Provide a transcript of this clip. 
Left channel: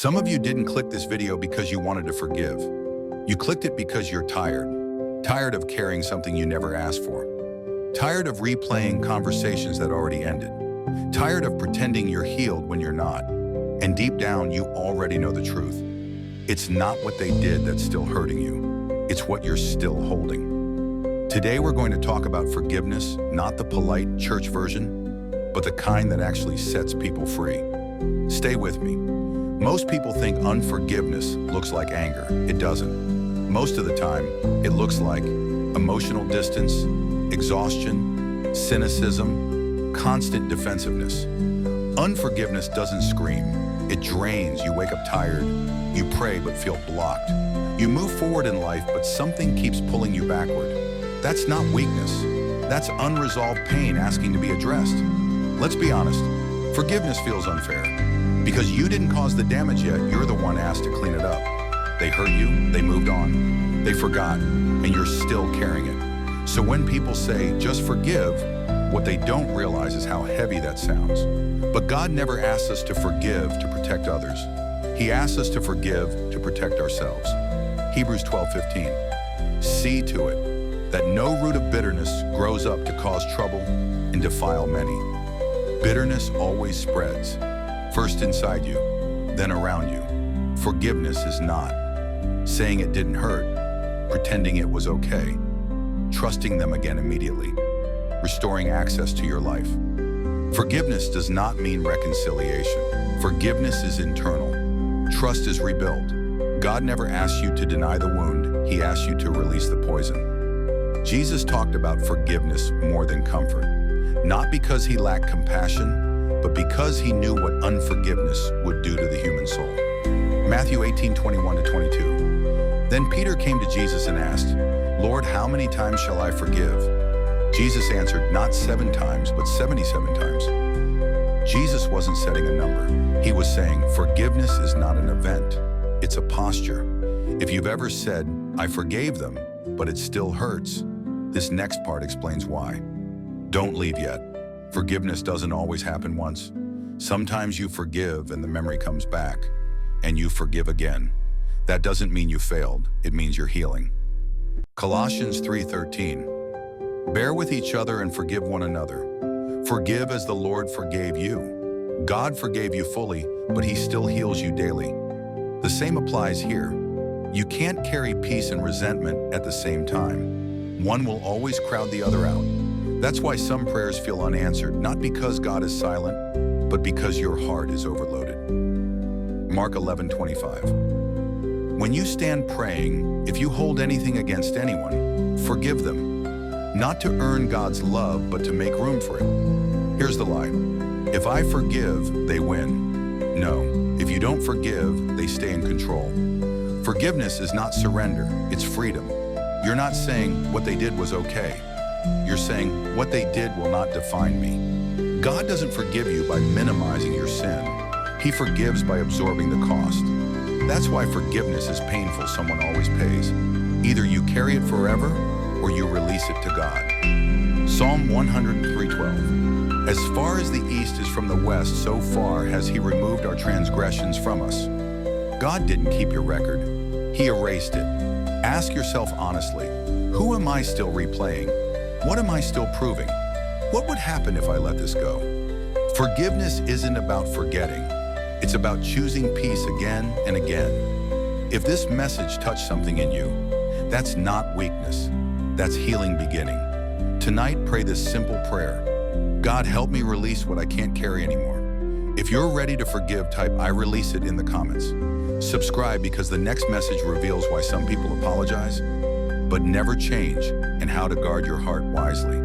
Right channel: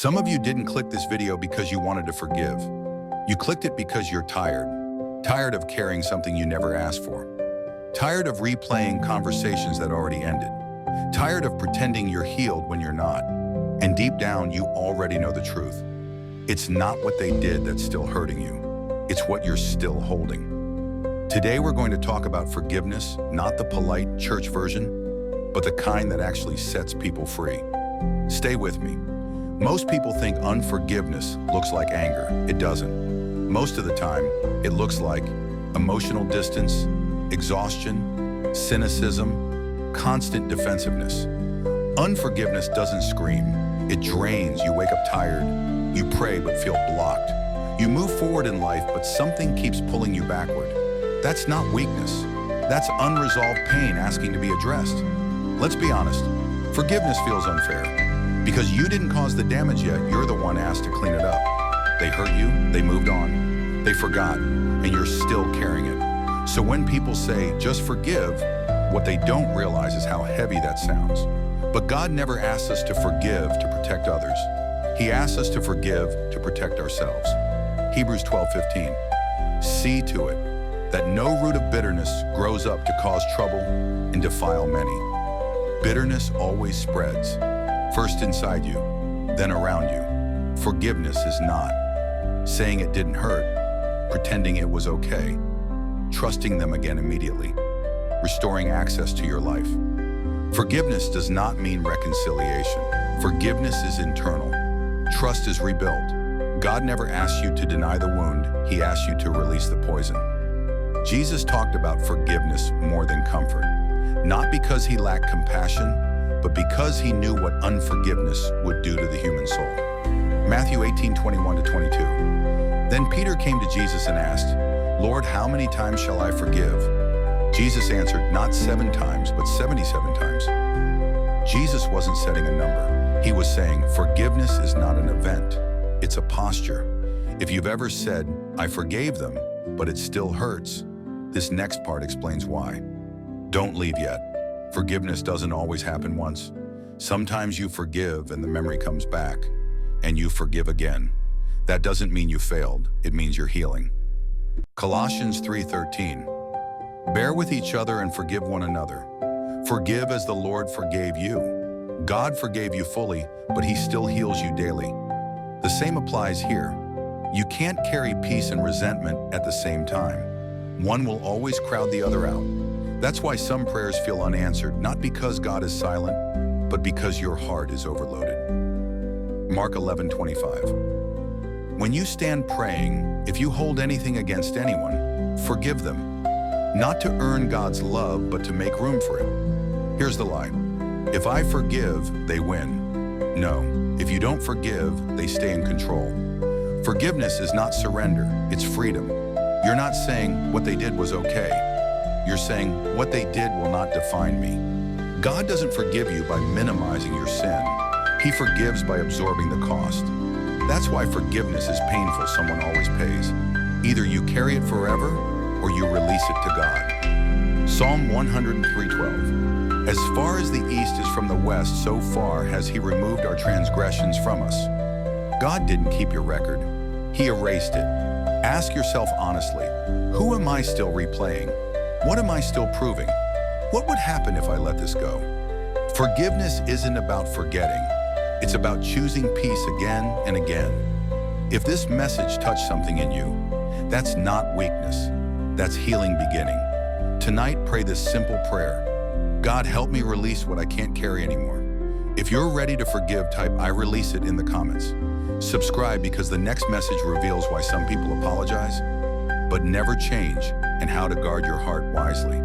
Some of you didn't click this video because you wanted to forgive. You clicked it because you're tired of carrying something you never asked for, tired of replaying conversations that already ended, tired of pretending you're healed when you're not, and deep down you already know the truth. It's not what they did that's still hurting you. It's what you're still holding. Today we're going to talk about forgiveness, not the polite church version, but the kind that actually sets people free. Stay with me. Most people think unforgiveness looks like anger. It doesn't. Most of the time, it looks like emotional distance, exhaustion, cynicism, constant defensiveness. Unforgiveness doesn't scream. It drains. You wake up tired. You pray but feel blocked. You move forward in life, but something keeps pulling you backward. That's not weakness. That's unresolved pain asking to be addressed. Let's be honest. Forgiveness feels unfair. Because you didn't cause the damage yet, you're the one asked to clean it up. They hurt you, they moved on, they forgot, and you're still carrying it. So when people say, just forgive, what they don't realize is how heavy that sounds. But God never asks us to forgive to protect others. He asks us to forgive to protect ourselves. Hebrews 12:15. See to it that no root of bitterness grows up to cause trouble and defile many. Bitterness always spreads. First inside you, then around you. Forgiveness is not saying it didn't hurt, pretending it was okay, trusting them again immediately, restoring access to your life. Forgiveness does not mean reconciliation. Forgiveness is internal. Trust is rebuilt. God never asks you to deny the wound, He asks you to release the poison. Jesus talked about forgiveness more than comfort, not because He lacked compassion, but because He knew what unforgiveness would do to the human soul. Matthew 18:21-22. Then Peter came to Jesus and asked, Lord, how many times shall I forgive? Jesus answered, not 7 times, but 77 times. Jesus wasn't setting a number. He was saying, forgiveness is not an event, it's a posture. If you've ever said, I forgave them, but it still hurts, this next part explains why. Don't leave yet. Forgiveness doesn't always happen once. Sometimes you forgive and the memory comes back, and you forgive again. That doesn't mean you failed, it means you're healing. Colossians 3:13. Bear with each other and forgive one another. Forgive as the Lord forgave you. God forgave you fully, but He still heals you daily. The same applies here. You can't carry peace and resentment at the same time. One will always crowd the other out. That's why some prayers feel unanswered, not because God is silent, but because your heart is overloaded. Mark 11:25. When you stand praying, if you hold anything against anyone, forgive them. Not to earn God's love, but to make room for it. Here's the lie. If I forgive, they win. No, if you don't forgive, they stay in control. Forgiveness is not surrender, it's freedom. You're not saying what they did was okay. You're saying, what they did will not define me. God doesn't forgive you by minimizing your sin. He forgives by absorbing the cost. That's why forgiveness is painful. Someone always pays. Either you carry it forever or you release it to God. Psalm 103:12. As far as the east is from the west, so far has He removed our transgressions from us. God didn't keep your record. He erased it. Ask yourself honestly, who am I still replaying? What am I still proving? What would happen if I let this go? Forgiveness isn't about forgetting. It's about choosing peace again and again. If this message touched something in you, that's not weakness. That's healing beginning. Tonight, pray this simple prayer. God, help me release what I can't carry anymore. If you're ready to forgive, type I release it in the comments. Subscribe because the next message reveals why some people apologize, but never change, and how to guard your heart wisely.